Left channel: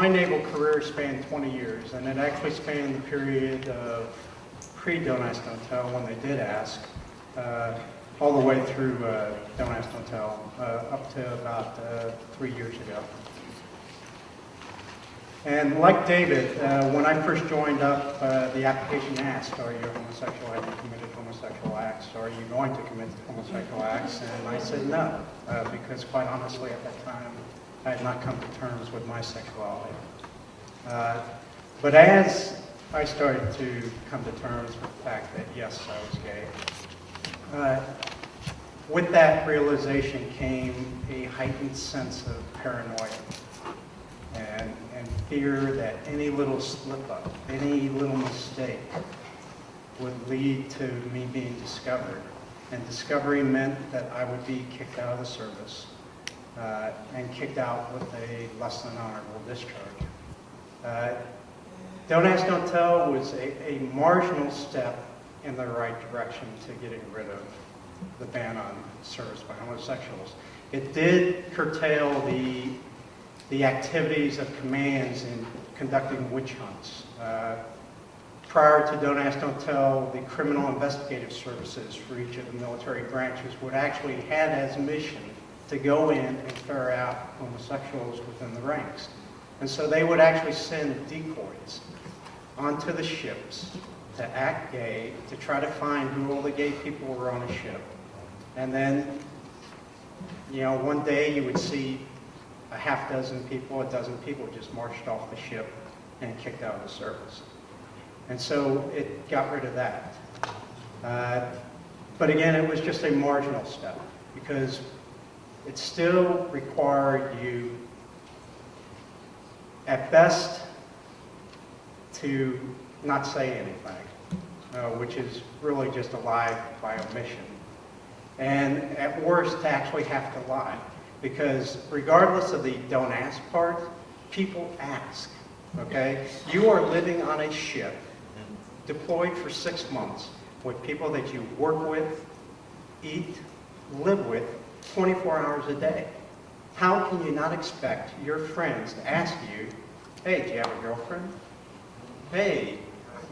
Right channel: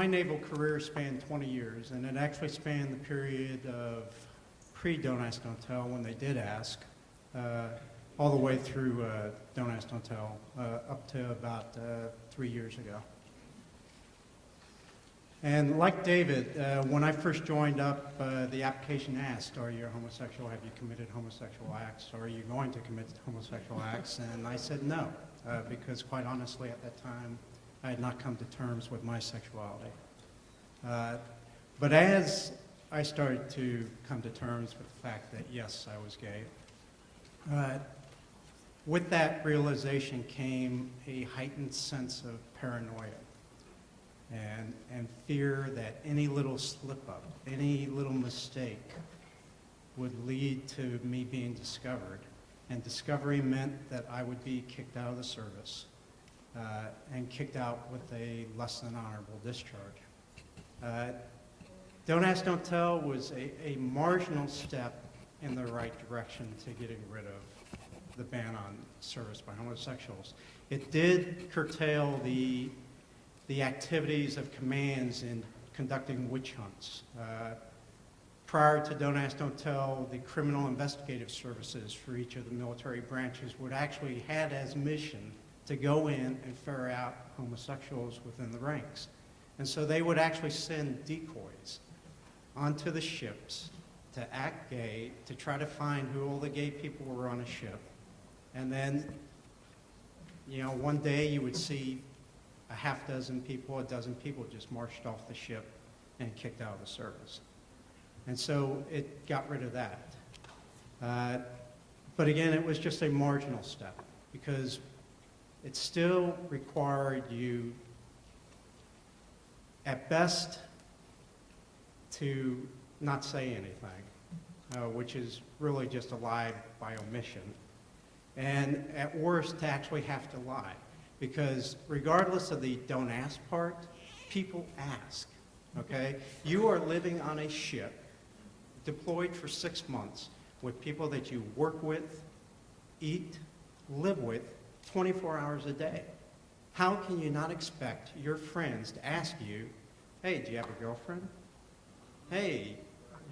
my naval career spanned 20 years, and it actually spanned the period of pre-Don't Ask, Don't Tell, when they did ask, all the way through Don't Ask, Don't Tell, up to about 3 years ago. And like David, when I first joined up, the application asked, are you homosexual? Have you committed homosexual acts? Are you going to commit homosexual acts? And I said no, because quite honestly at that time, I had not come to terms with my sexuality. But as I started to come to terms with the fact that yes, I was gay, with that realization came a heightened sense of paranoia and fear that any little slip-up, any little mistake would lead to me being discovered. And discovery meant that I would be kicked out of the service and kicked out with a less than honorable discharge. Don't Ask, Don't Tell was a marginal step in the right direction to getting rid of the ban on service by homosexuals. It did curtail the activities of commands in conducting witch hunts. Prior to Don't Ask, Don't Tell, the criminal investigative services for each of the military branches would actually have as mission to go in and ferret out homosexuals within the ranks. And so they would actually send decoys onto the ships to act gay, to try to find who all the gay people were on the ship. And then, you know, one day you would see a half dozen people, a dozen people just marched off the ship and kicked out of the service. And so it got rid of that. But again, it was just a marginal step because it still required you, at best, to not say anything, which is really just a lie by omission. And at worst, to actually have to lie. Because regardless of the don't ask part, people ask, okay? You are living on a ship, deployed for 6 months, with people that you work with, eat, live with, 24 hours a day. How can you not expect your friends to ask you, hey, do you have a girlfriend? Hey,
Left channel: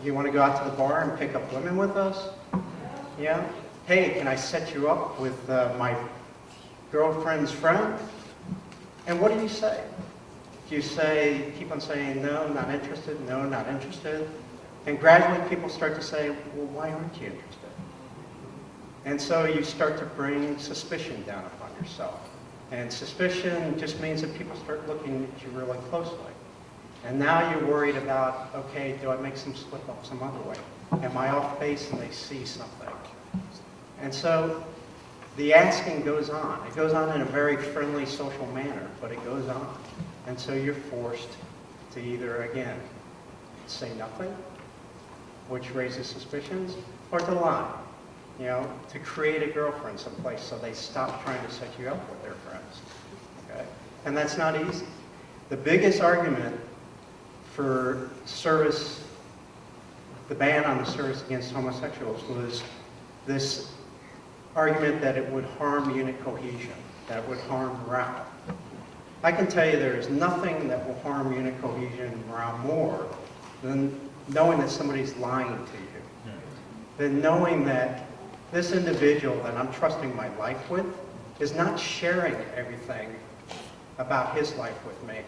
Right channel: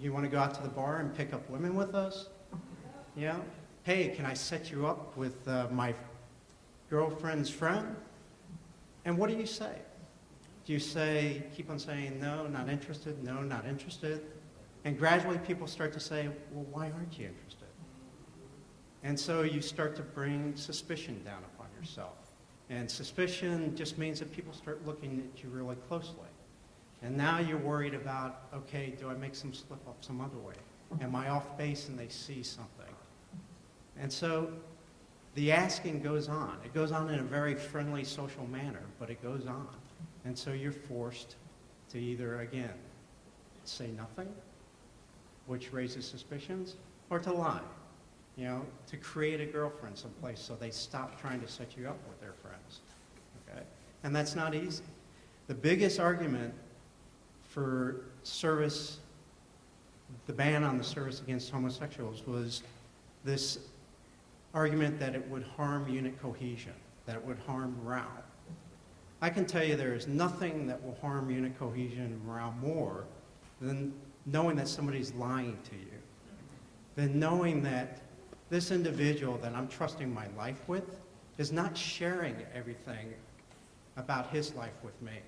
you want to go out to the bar and pick up women with us? Yeah? Hey, can I set you up with my girlfriend's friend? And what do you say? Do you say, keep on saying, no, not interested, no, not interested? And gradually people start to say, well, why aren't you interested? And so you start to bring suspicion down upon yourself. And suspicion just means that people start looking at you really closely. And now you're worried about, okay, do I make some slip up some other way? Am I off base and they see something? And so the asking goes on. It goes on in a very friendly, social manner, but it goes on. And so you're forced to either, again, say nothing, which raises suspicions, or to lie, you know, to create a girlfriend someplace so they stop trying to set you up with their friends. Okay? And that's not easy. The biggest argument for service, the ban on the service against homosexuals, was this argument that it would harm unit cohesion, that it would harm morale. I can tell you there is nothing that will harm unit cohesion and morale more than knowing that somebody's lying to you, than knowing that this individual that I'm trusting my life with is not sharing everything about his life with me.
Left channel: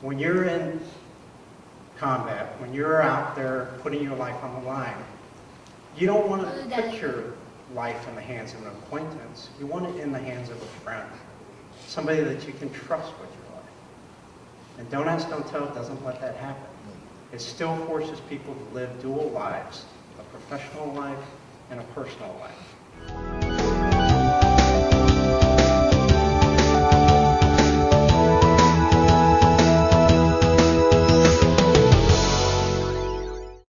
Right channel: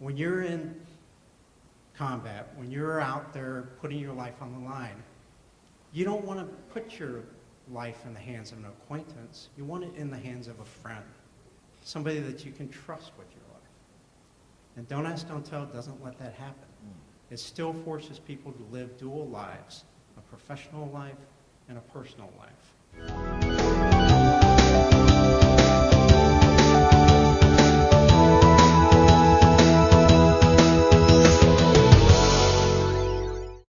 When you're in combat, when you're out there putting your life on the line, you don't want to put your life in the hands of an acquaintance. You want it in the hands of a friend, somebody that you can trust with your life. And Don't Ask, Don't Tell doesn't let that happen. It still forces people to live dual lives, a professional life and a personal life.